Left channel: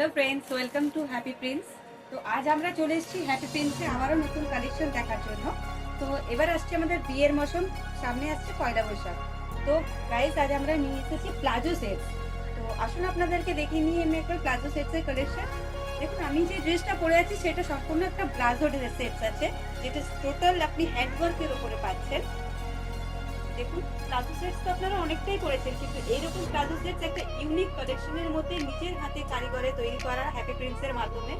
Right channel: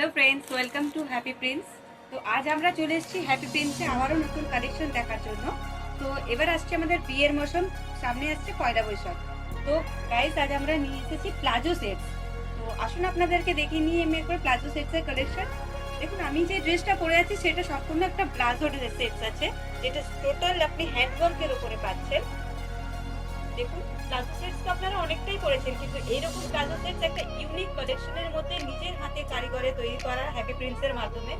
Hello friends, welcome to happy Prince. তো আজ আমরা চলে এসেছি হ্যাপি প্রিন্সে আবারও নতুন কালেকশন দেখার জন্য। তো এবার আসছে আমাদের বিয়ের মৌসুম, সামনে আসছে পয়লা বৈশাখ। তো গাইস, আজ আমরা নিয়ে এসেছি প্লাজো সেটস। তো আসুন আপনাদেরকে দেখিয়ে নিয়ে আমি একবার প্লাজো সেটসের কালেকশন। দেখুন, আমি যে ড্রেসটা পরে আছি সেটা সম্পূর্ণ একটা প্লাজো সেটস আছে, যেটা টোটাল আপনি হ্যান্ডওয়ার্কের উপরে পাচ্ছেন। দেখুন, প্লাজো সেটস তো আপনারা অনেকটাই করেছেন, কিন্তু এইরকম প্লাজো সেটস একটা ইউনিক কালেকশনের মধ্যে নিজের হাতে কারিগরে তৈরি করা হ্যাপি প্রিন্টসের মাধ্যমে।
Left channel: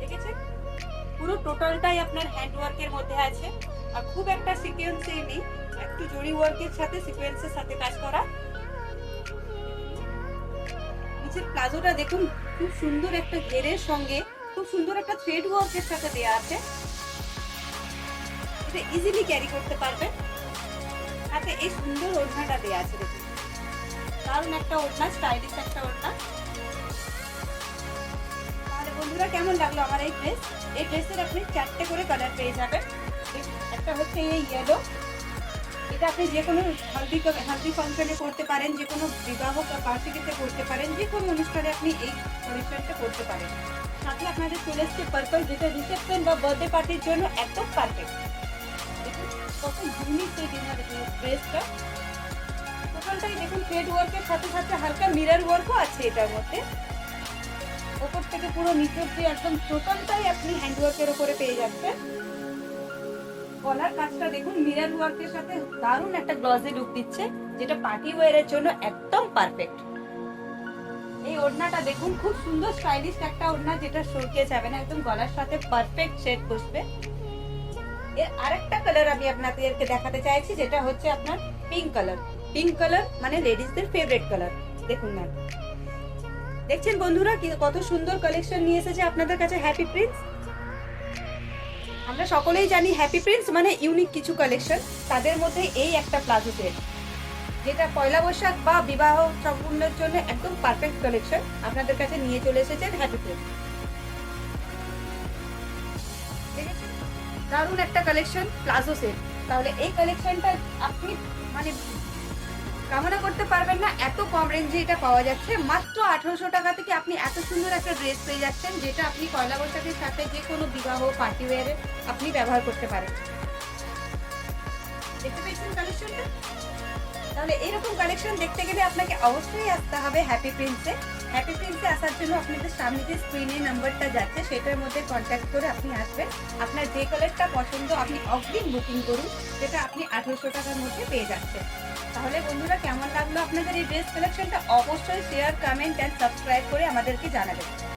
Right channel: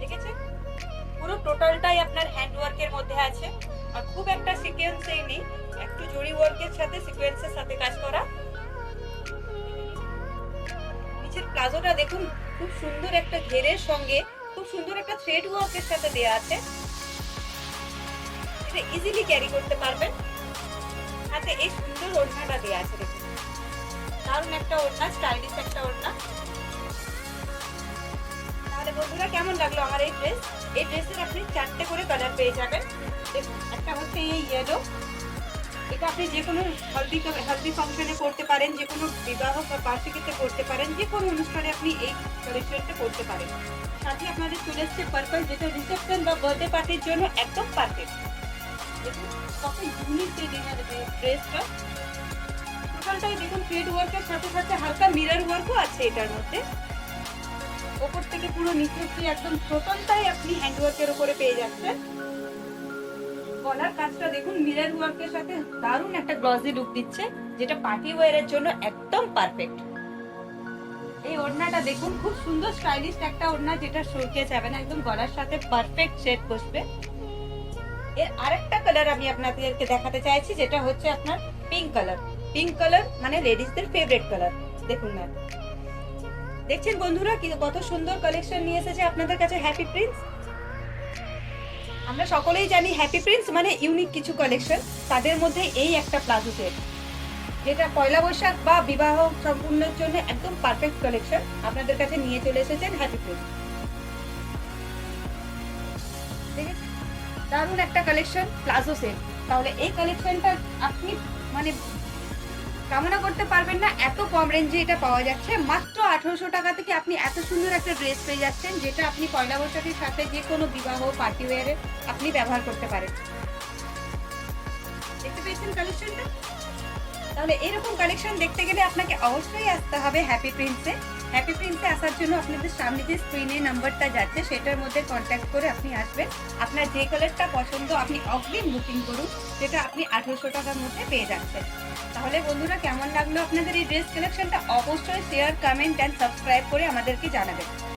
দেখেছেন, পুরো টোটালটাই আপনার হ্যান্ড ওয়ার্কের মধ্যে আছে, আর খুব একটা সিকোয়েন্সই নেই, একটু জরি ওয়ার্কের সাথে সিকোয়েন্সের সাথে কাজ করা। নিচের প্লাজোটা দেখুন, খুব সুন্দর একটা ঘেরের সঙ্গে খুব সুন্দর একটা থ্রেড ওয়ার্কের সাথে দেয়া আছে। এটা ইজিলি ক্যারি করতে পারবেন। সাথে এই সুন্দর ওড়নাটা দেয়া আছে, দেখুন দারুণ একটা ওড়না, স্টাইলিশ একটা ওড়না। তাহলে বন্ধুরা, কেমন লাগলো আমার এই ড্রেস? এই ড্রেসের আপনি 4টে করে কালার পেয়ে যাবেন। একটা হচ্ছে এই ইয়েলো, এটা আপনি যে কোনো হলদি ফাংশনে করতে পারেন, যে কোনো বিবাহ বা বার্ষিকীতে করতে পারেন, যে কোনো অনুষ্ঠানে আপনি এই কালেকশনটা করতে পারেন। সাথে আপনাদের চলে এসছে পার্পল, যেটা রিসেপশন বা বার্থডে পার্টির জন্য একদম পারফেক্ট। দেখুন কত ইউনিক এই ড্রেসটা। টোটালটাই দেখুন থ্রেড ওয়ার্কের সাথে সাথে হালকা মিরর ওয়ার্কও আছে এটার মধ্যে। ওপর থেকে পুরো নিচে একদম টোটালটাই আপনি হ্যান্ড ওয়ার্কের উপরে পেয়ে যাচ্ছেন। গলার কাজটা দেখুন মিরর ওয়ার্কের সাথে দারুণ একটা গ্লসি লুক দিচ্ছে, যেটা পার্টি ওয়্যারের জন্য একদম পারফেক্ট। এই ওড়নাটা দেখুন, খুব সুন্দর স্টাইলিশ একটা ওড়না, যেটা সরকে যাবে না, একদম গলার সাথে পারফেক্ট সেট বসবে। এর আরেকটা কালার আমি আপনাদেরকে দেখাতে চাইছি, যেটা হচ্ছে আপনার পিঙ্ক কালার। পিঙ্ক কালার মানে লেডিসদের ফেভারিট কালার। দেখুন ম্যাম, দেখছেন বন্ধুরা কত সুন্দর কালেকশন নিয়ে এসেছে আপনাদের কাছে হ্যাপি প্রিন্স। আমরা সকলেই জানি হ্যাপি প্রিন্স মানে ইউনিক কিছু কালেকশন, তাদের মধ্যে এই একটা প্লাজো সেট, যেটা পয়লা বৈশাখ বা বিবাহ সম্পূর্ণের জন্য একদম পারফেক্ট কালেকশন আপনাদের কাছে নিয়ে চলে এসেছেন হ্যাপি প্রিন্স। দারুণ একটা কালেকশন প্লাজো সেট। তাহলে এই কালেকশনটা আপনি মানে কামনা করতে পারবেন না, এত কম রেঞ্জে এটা পাওয়া যাচ্ছে। মাত্র 1800 টাকা থেকে আপনি এত সুন্দর একটা ড্রেস পেয়ে যাচ্ছেন, যেটা আপনি পয়লা বৈশাখের সাথে যে কোনো বিবাহ পার্টি ওয়্যারে আপনি ব্যবহার করতে পারেন। দেখতে পেয়েছেন কালেকশনটা? তাহলে এরকম কালেকশন দেখতে গেলে আপনাকে অবশ্যই আসতে হবে হ্যাপি প্রিন্সে। হ্যাপি প্রিন্সে আসার জন্য আপনাদের সামনে যে স্ক্রিনে নাম্বারটা যাচ্ছে সেটার মধ্যে কন্ট্যাক্ট করে আপনি আসবেন। আপনার যে কালারটা পছন্দ আপনি অগ্রিম বুকিং করুন, যেটা আপনি 1800 টাকার মধ্যে পেয়ে যাচ্ছেন। তাহলে বন্ধুরা, কেমন লাগলো আপনাদের এই ড্রেস কালেকশনটা? অবশ্যই শেয়ার, কমেন্ট অ্যান্ড সাবস্ক্রাইব করে আমাদেরকে জানাবেন।